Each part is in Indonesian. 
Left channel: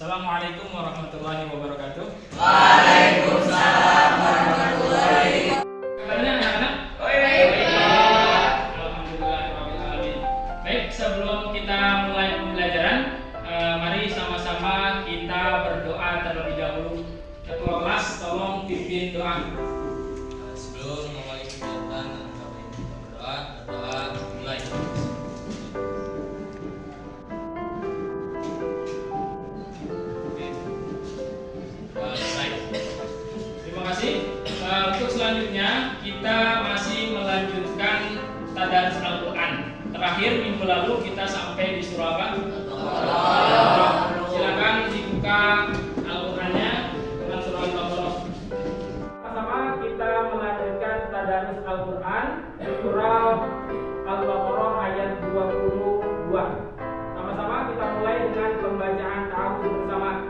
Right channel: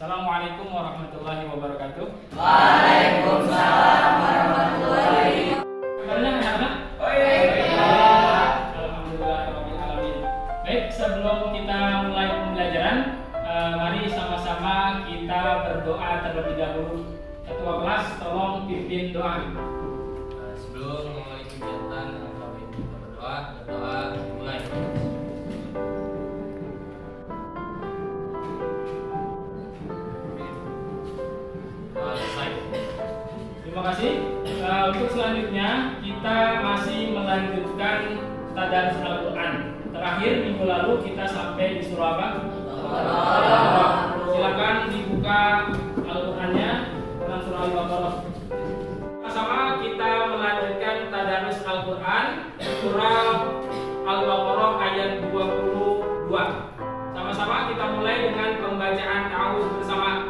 Assalamualaikum warahmatullahi wabarakatuh. Waalaikumsalam warahmatullahi wabarakatuh. Kabarnya anak-anak? Baik. Alhamdulillahirrahmanirrahim. Baik, sebelum kita mulai pembelajaran, mari sama-sama kita berdoa terlebih dahulu. Ketua kelas, tolong pimpin doa. Sebelum memulai kegiatan, kami berdoa mulai. Terima kasih. Untuk selanjutnya kita masih melanjutkan tadarus Al-Quran. Terakhir minggu lalu kita sampai di surah apa? Silakan dibuka Al-Qurannya dengan surah Al-Baqarah. Sama-sama kita melanjutkan tadarus Al-Quran surah Al-Baqarah ayat 22. Sama-sama kita mulai dengan pembacaan ta'awudz bersama.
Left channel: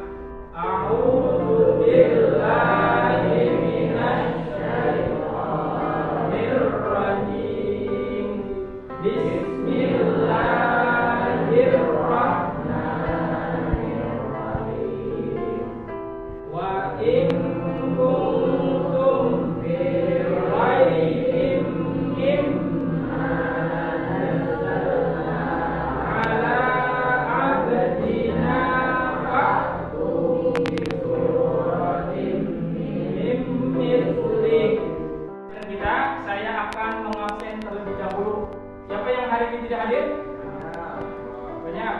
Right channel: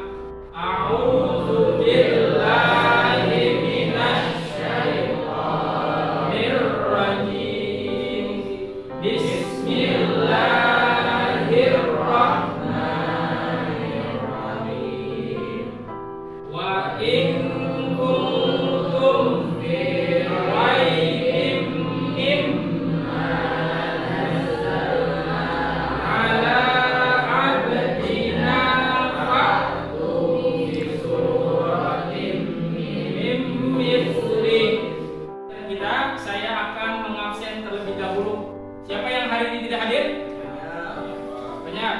A'udzu billahi minasyaitonir rajim. Bismillahirrahmanirrahim. Wa in kuntum fi raibin mimma nazzalna ala abdina fa'tu bi suratin min mithlih. Saya akan mengabsen terlebih dahulu. Siapa yang hari ini tidak hadir? Banyak.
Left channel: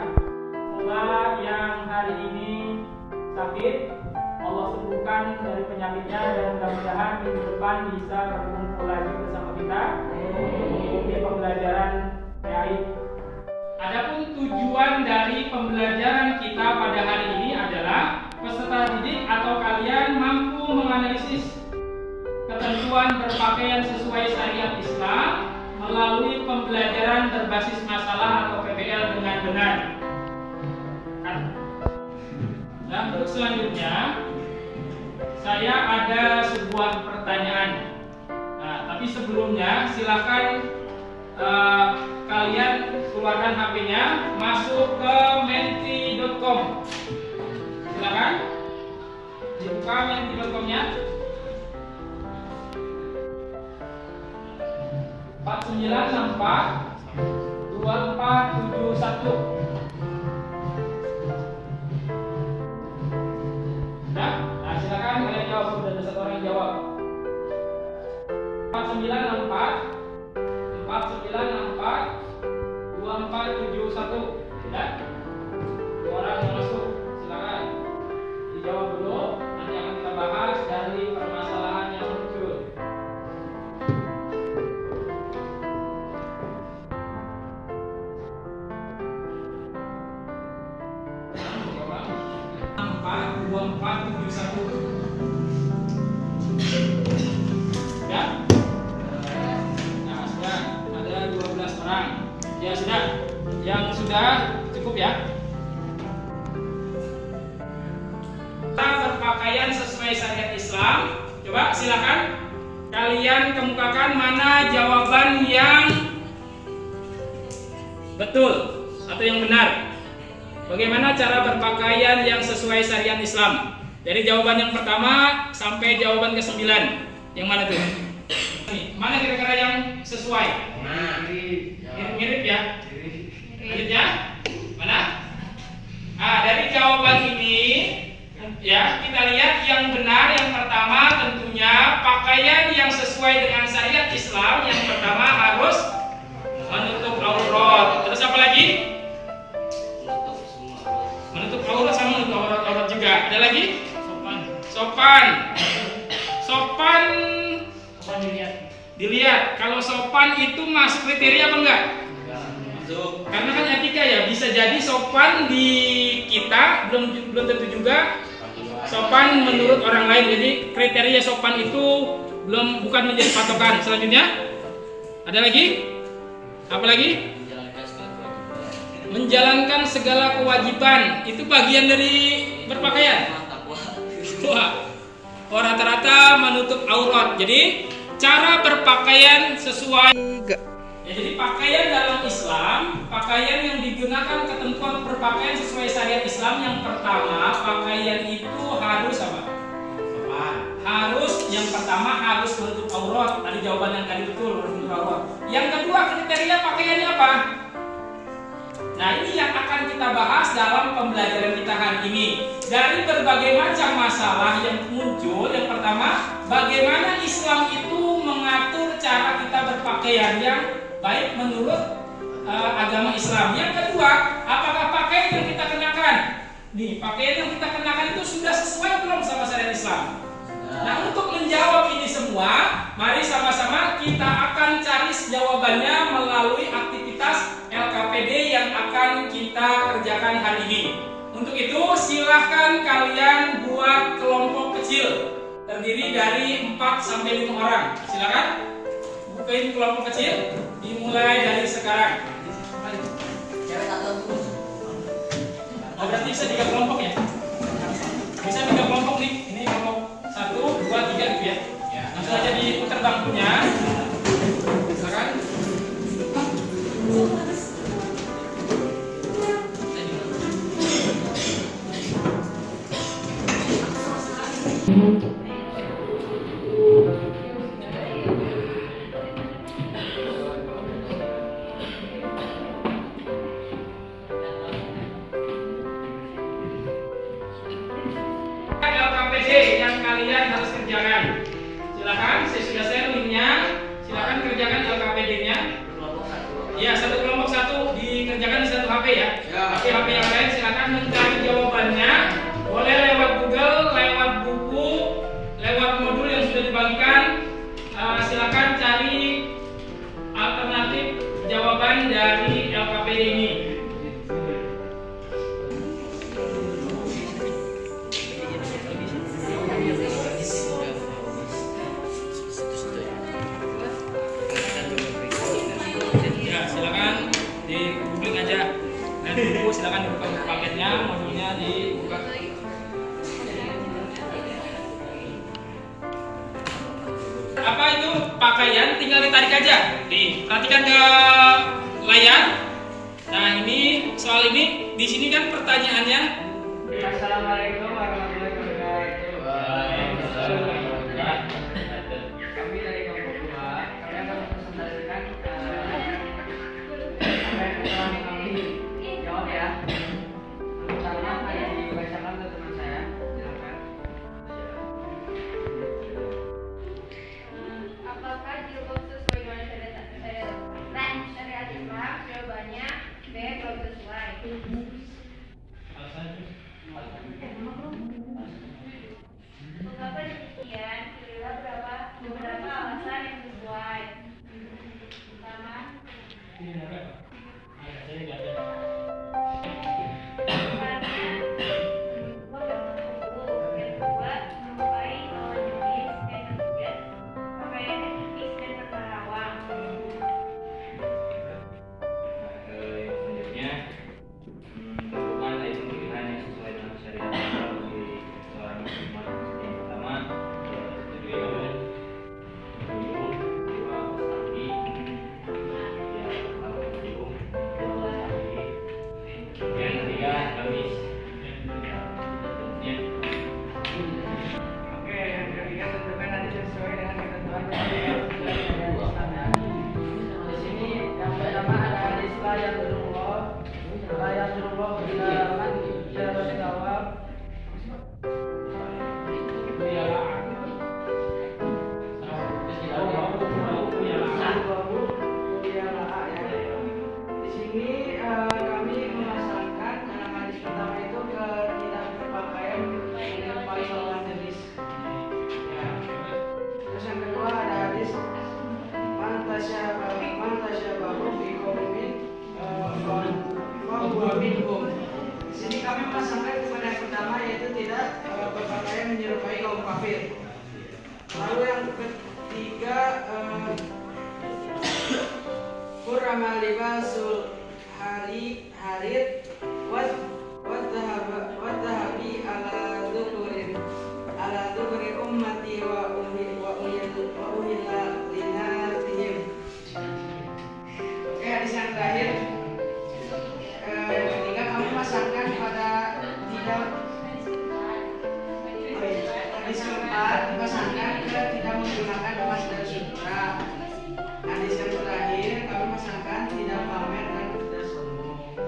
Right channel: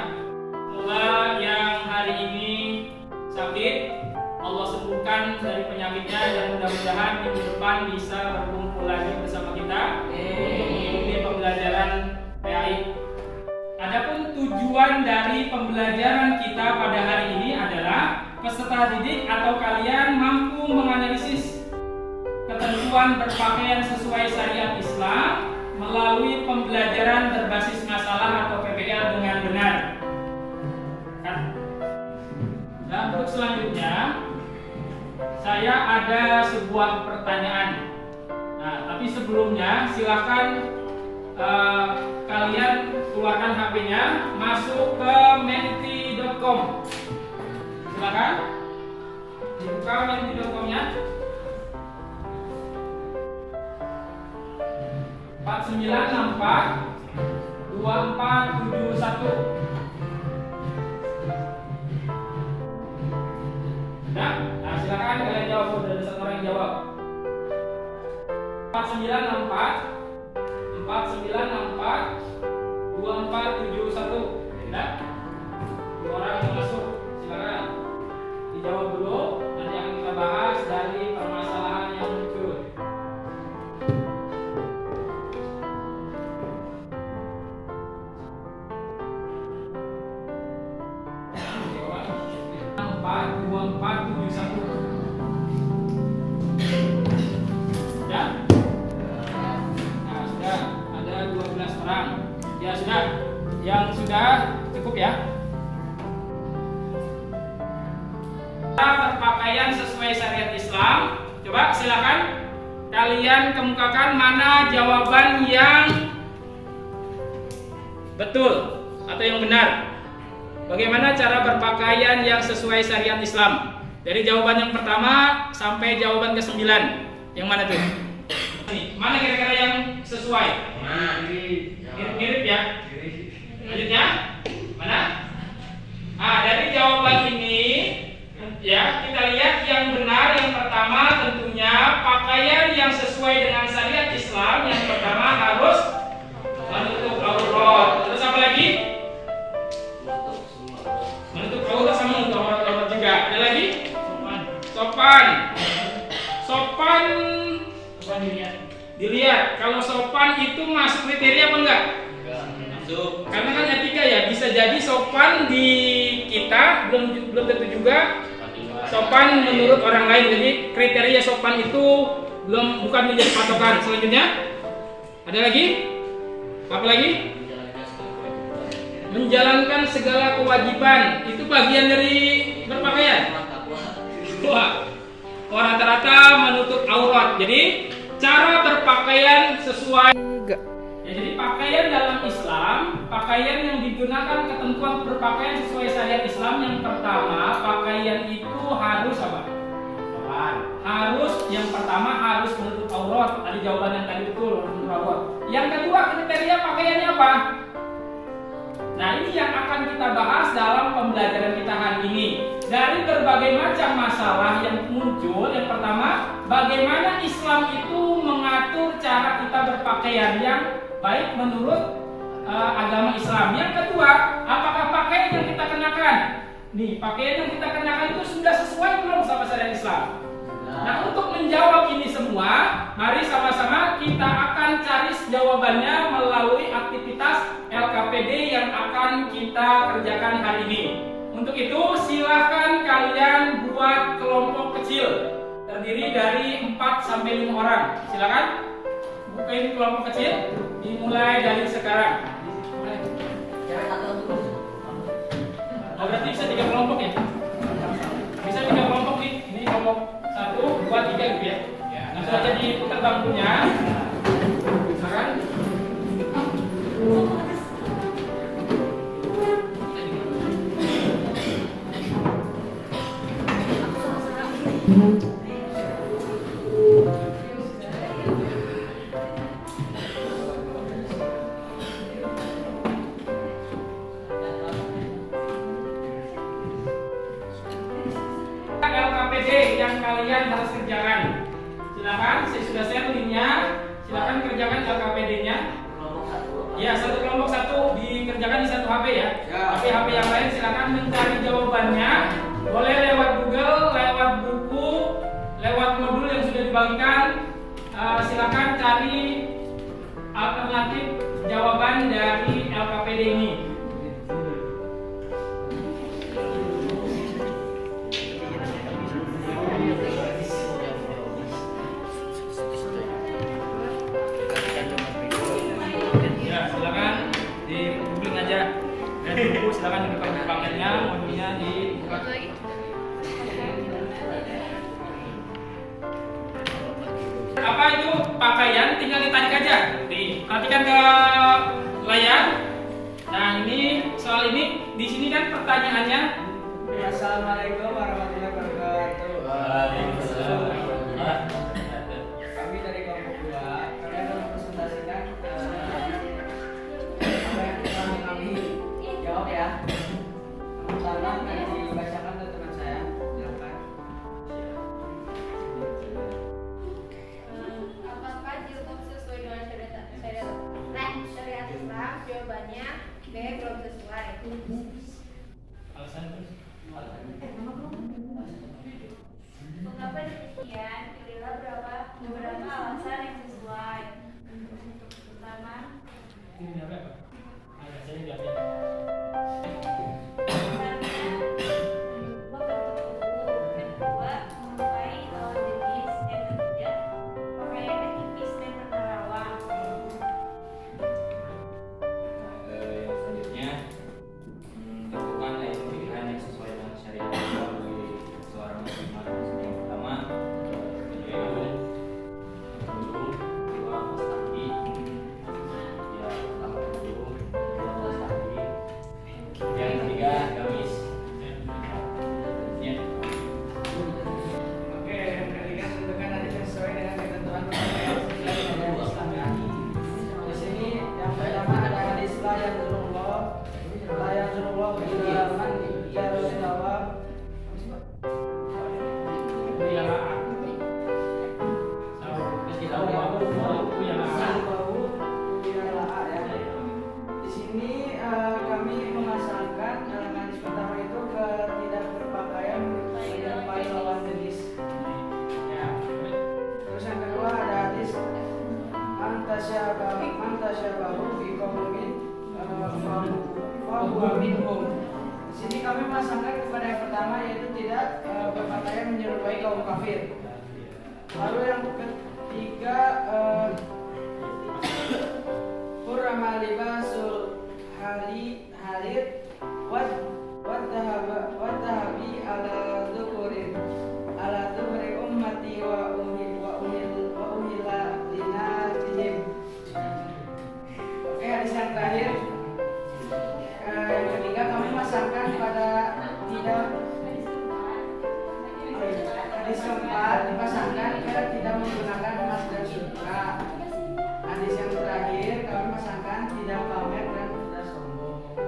Semoga yang hari ini sakit Allah sembuhkan dari penyakitnya dan mudah-mudahan minggu depan bisa berkumpul lagi bersama kita untuk mengikuti pembelajaran PAI. Adapun tujuan dari pembelajaran kita pada hari ini adalah peserta didik atau kalian mampu menganalisis ketentuan berpakaian sesuai syariat Islam melalui pembelajaran berbasis masalah atau PBL dengan benar. Dan untuk selanjutnya saya ada sebuah pertanyaan. Nah, tapi sebelumnya silakan kalian keluarkan HP-nya, masuk ke menti.com. Silakan dibuka menti.com-nya. 4964 2471. Nah, silakan kalian jawab. Sudah ada satu orang yang jawab. 4964 2471. Sudah? Dua orang yang masuk. Silakan dijawab dulu. Nanti akan kita bahas dari permasalahan yang muncul. Jawab 2471. Ya? Nah, sudah ada 12 orang. Ya sudah. Yang sudah cukup ya. Kita berpakaian sesuai syariat Islam. Coba silakan kalian kemukakan mana jawaban yang betul atau yang benar. Bagaimana cara berpakaian yang sesuai syariat Islam? Dari jawaban yang pertama sampai jawaban ke-9. Yang mana tuh? Mana kira-kira yang sesuai? Nah, mirip-mirip ya. Lanjutnya? Mana? Dari jawaban ini ya, kita lihat yang benar yang pertama tentunya pakaian yang sesuai dengan syariat Islam yang pertama harus menutup aurat. Terus apa lagi? Menutup aurat sama menutup aurat juga. Ada lagi? Sopan. Sopan dilihat. Kalau sopan itu masuk kriteria apa enggak? Masuk. Karena kan etika ya. Bisa jadi sopan di kita belum tentu juga sopan menurut orang lain. Jadi kriteria sopan itu bukan menjadi patokan. Selanjutnya ada lagi? Apa lagi? Menjalankan segala kewajiban. Itu bagian dari berpakaian. Wah, rata-rata menutup aurat. Jadi cara berpakaian sesuai. Ya, jadi pakaian dalam Islam pakaian yang digunakan ketentuan berpakaian sesuai syariat Islam. Yang pertama, pakaian itu harus apa? Harus, yang pertama harus menutup aurat. Tadi jawaban yang tadi betul, harus menutup aurat. Yang kedua, kriteria pakaiannya apa? Nah, ini yang akan kita bahas dalam pembelajaran kita hari ini. Dari berbagai macam masalah yang muncul, yang pertama, bagaimana Islam itu mengatur cara kita berpakaian yang baik menurut agama Islam. Yang kedua, apakah pakaian yang kita kenakan? Nih, pakaian yang kita kenakan itu sudah sesuai belum sama syariat Islam? Nah, untuk menjawab ini semua, mari sama-sama kita akan cari jawabannya melalui aktivitas LKPD yang akan kita kerjakan hari ini. Untuk itu, silahkan kalian buat kelompok kecil terdiri dari 4 sampai 5 orang. Silakan bukain kelompok kecil, dimulai dari sekarang. Oh, berarti bisa 3 kelompok ya? Bisa 3 kelompok nih. Ini kelompok 1, 2, 3 gitu ya. Langsung aja diputar bangkunya. Sekarang LKPD yang kalian harus kerjakan. Silakan, saya sudah share linknya. Silakan kerjakan LKPD-nya. Ya, satu kelompok satu dikerjakan di satu HP ya. Tapi HP yang lain silakan mencari jawabannya. Boleh lewat Google, lewat buku, lewat modul yang sudah dibagikan. Silakan cari alternatif jawaban dari LKPD ini. Buku silakan dibuka untuk paketnya, modulnya dibuka. Apa itu pakaian? Tinggal ditarik aja. Nih, perhatikan ke layar. Nah, ini soal ini di sini kan pertanyaannya. Assalamualaikum warahmatullahi wabarakatuh. Kami dari kelompok 2, kalian akan presentasikan apa yang telah kami jawab ya. Pertama akan dibacakan ke teman saya. Silakan. Apakah jilbab sesuai dengan syariat Islam? Jawabannya B, belum sesuai. Mengapa demikian? Pilihlah beberapa alasan yang sesuai. Pertama, karena membentuk tubuh. Yang kedua, menyukai lawan jenis. Yang ketiga, pakaiannya tipis dan bernerawang. Yang selanjutnya, tentukan ayat pilihan yang sesuai dengan syariat Islam bagi seorang muslimah. Yang pertama, tujuh yaumul, dua pas kaki, ya pertama tujuh, dua pas kaki. Yang ketiga, gamis. Oke, yang ketiga tentukan nanti sesuai dengan ketentuan syariat Islam ya. Di sini yang pertama ada hadis la yanzurullah ila man jawab. Di sini kami memasangkan hadis pertama itu ke tidak berpakaian menyerupai lawan jenis. Ya. Terus yang kedua ada hadis man tasyabahu fi qaumin fahuwa minhum. Di sini kami memasangkan kepada yang pertama yaitu tidak berpakaian menyerupai kaum kafir. Lalu yang ketiga Qurrama libasul harid wat dhahabi ala dhukuri ummati wa uhilla linatihim. Oke, hadis yang terakhir menggunakan emas dan sutra. Hadis yang terakhir kami memasangkan tidak pamer dan tidak sombong.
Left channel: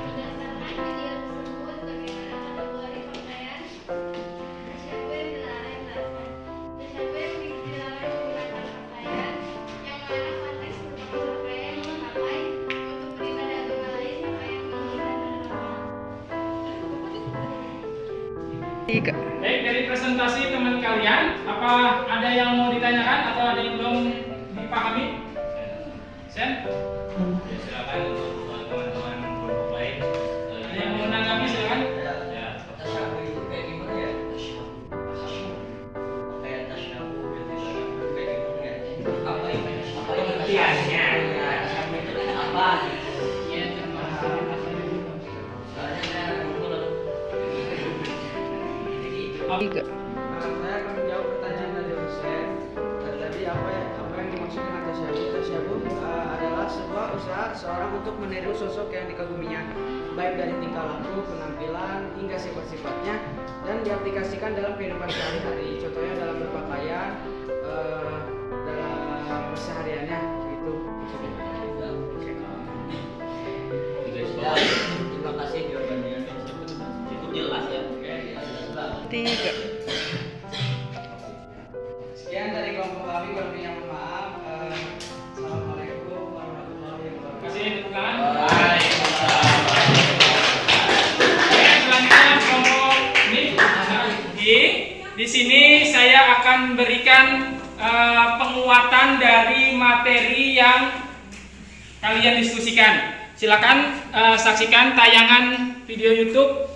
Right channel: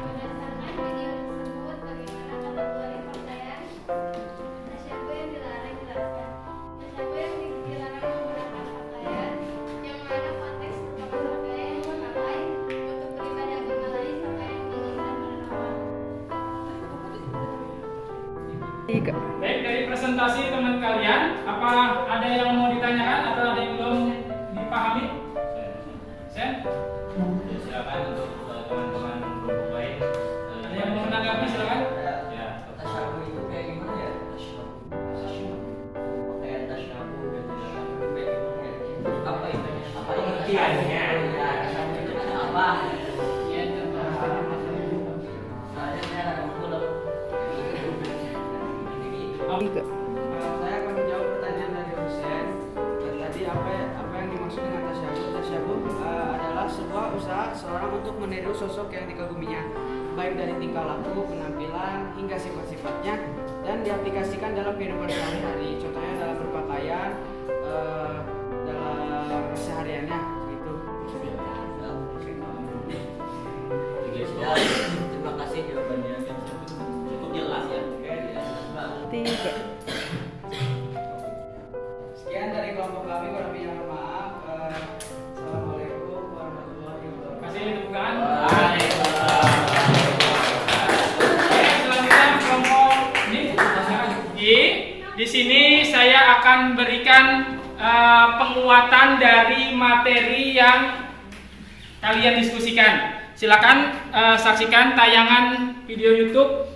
Berdasarkan video tersebut, bagaimana kategori pakaian? Tasyabuh yang dilarang jelaskan. Tasyabuh yang dilarang menggunakan pakaian yang mana konteks merupakan pakaian yang dipakai untuk beribadah agama lain, pakaian mengeluh dan beramal. Baik, dari presentasi teman kalian, apa ada yang mau ditanyakan atau ada yang belum dipahami? Sen? Ya, silakan untuk teman-teman kelompok lain. Ada yang mau menanggapi silakan? Ya, Tasyabuh itu kayak gimana ya? Kayak tasyabuh gitu ya. Kayak gimana ya? Apa ini pengertiannya. Tasyabuh itu kan apa? Iya, coba. Soalnya saya nggak ngulek. Kalau saya akan menjawab pertanyaan dari Hussein. Tadi apa yang dimaksud dengan tasyabuh? Tasyabuh adalah sebuah usaha seorang untuk meniru sosok yang dikaguminya, baik dari tingkah laku, penampilan, hingga sifat-sifatnya, dan diaplikasikan dalam kehidupan sehari-hari. Contohnya dalam berpakaian, dalam kesehariannya, gitu. Ya, terima kasih jawabannya. Cukup jelas ya. Jelas banget. Sekian dari kelompok kami, kurang lebih mohon maaf. Assalamualaikum warahmatullahi wabarakatuh. Kasih tepuk tangan. Waalaikumsalam. Oke, selanjutnya kelompok ini. Di sini saya akan berikan penguatan dari materi yang kalian diskusikan. Silakan saksikan tayangan video YouTube.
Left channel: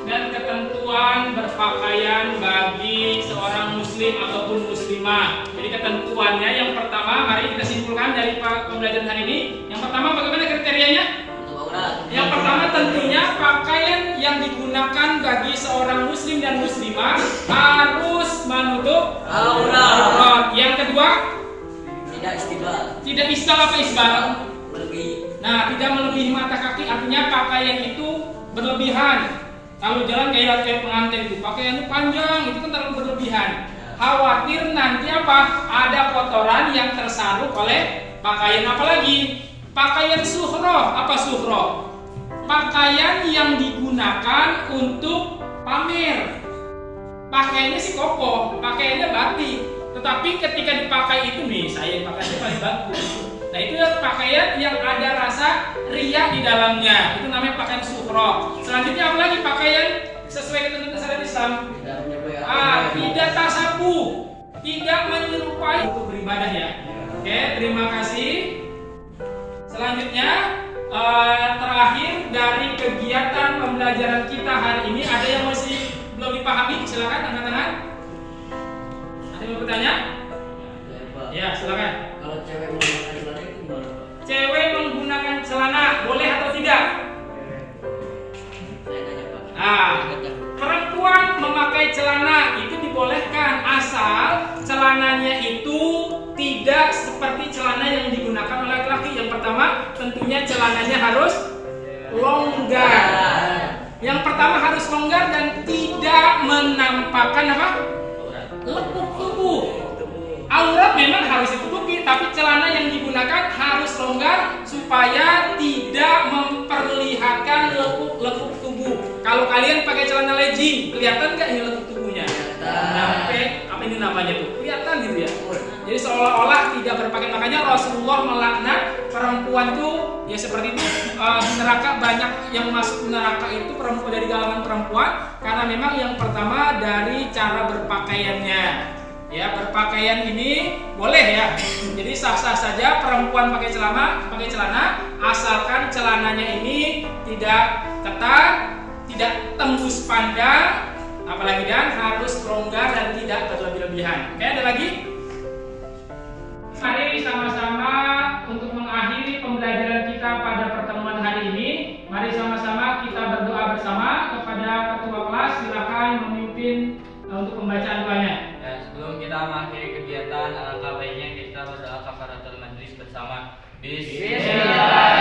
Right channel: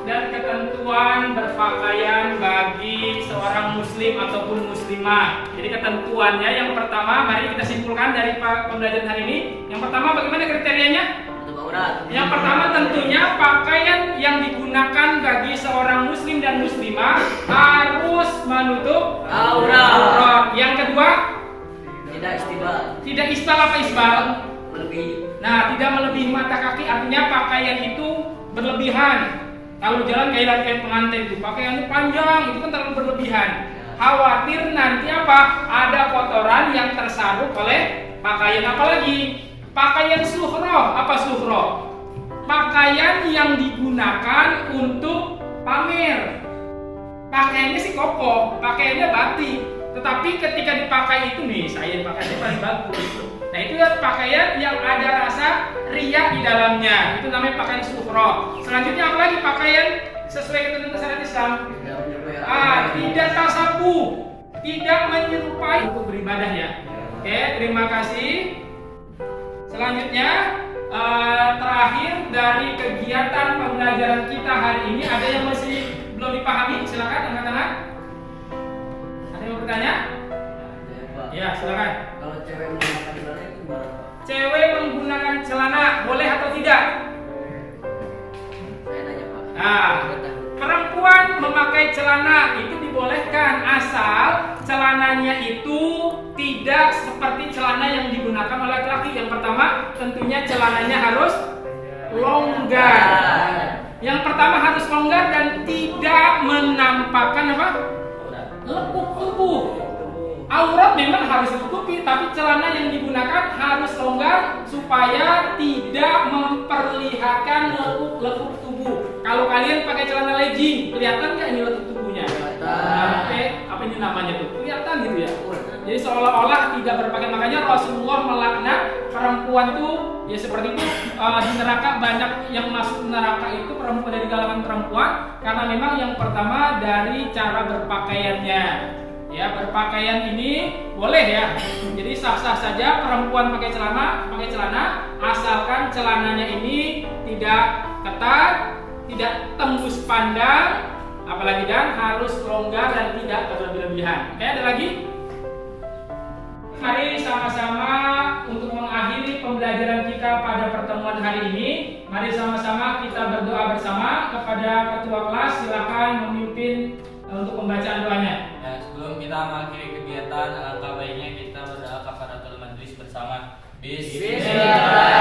Dan ketentuan berpakaian bagi seorang muslim ataupun muslimah. Jadi ketentuannya yang pertama, mari kita simpulkan dari pembelajaran hari ini. Yang pertama, bagaimana kriterianya? Yang pertama tentunya pakaian yang digunakan bagi seorang muslim dan muslimah harus menutup aurat. Yang kedua, Tidak istimbat. tidak isbal apa isbal? Melebihi. Nah, tidak melebihi mata kaki, artinya pakaian itu berlebihan. Kalau jalan kayak pengantin itu pakaiannya panjang, itu kan terlalu berlebihan. Khawatir nanti apa? Ada kotoran yang tersaruk oleh pakaian. Apalagi pakaian suhroh. Apa suhroh? Pakaian yang digunakan untuk pamer. Pakaiannya sih kokoh, pakaiannya batik. Tetapi ketika dipakai itu nih, saya pakai itu paling bagus. Nah itu pakaian yang ada rasa riya di dalamnya. Itu namanya pakaian suhroh. Selanjutnya apalagi pakaian sesuai dengan syariat Islam? Tidak tasabuh, tidak menyerupai untuk beribadah ya. Oke, terima kasih. Selanjutnya terakhir dari kegiatan pembelajaran kita hari ini, ada yang masih belum dipahami? Silakan angkat-angkat. Ada yang mau bertanya? Ya, silakan. Kalau cewek menggunakan celana itu gimana, Pak? Cewek menggunakan celana boleh atau tidak? Saya nanya, Pak. Nah, perempuan memakai celana itu dibolehkan asal celananya itu tidak seperti celana yang digunakan oleh laki-laki. Yang pertama, tentunya celananya harus longgar. Yang pertama harus longgar dan tidak menampakkan apa? Lekuk tubuh. Aurat memang harus ditutupi. tertutupi, tapi celana yang digunakan harus longgar supaya tidak memperlihatkan lekuk tubuh. Kalau kalian pakai celana legging, kelihatan nggak ini lekuk tubuhnya? Sampai apa ini namanya tuh? Kelihatan gitu ya. Jadi seolah-olah tidak berpakaian. Makanya Rasulullah melaknat perempuan tuh ya seperti itu. Di neraka banyak yang masuk neraka itu perempuan, dari kalangan perempuan, karena memang yang pertama dari cara berpakaiannya. Ya, berpakaian ini boleh ya. Jadi sah-sah saja perempuan pakai celana asalkan celananya ini tidak ketat, tidak tembus pandang, apalagi dan harus longgar dan tidak berlebih-lebihan. Oke, ada lagi? Mari sama-sama untuk mengakhiri pembelajaran kita pada pertemuan hari ini. Mari sama-sama kita berdoa bersama. Kepada ketua kelas silakan memimpin untuk pembacaan doanya. Ya, sebelum kita mengakhiri kegiatan, alangkah baiknya kita berdoa kafaratul majlis bersama. Bismillah.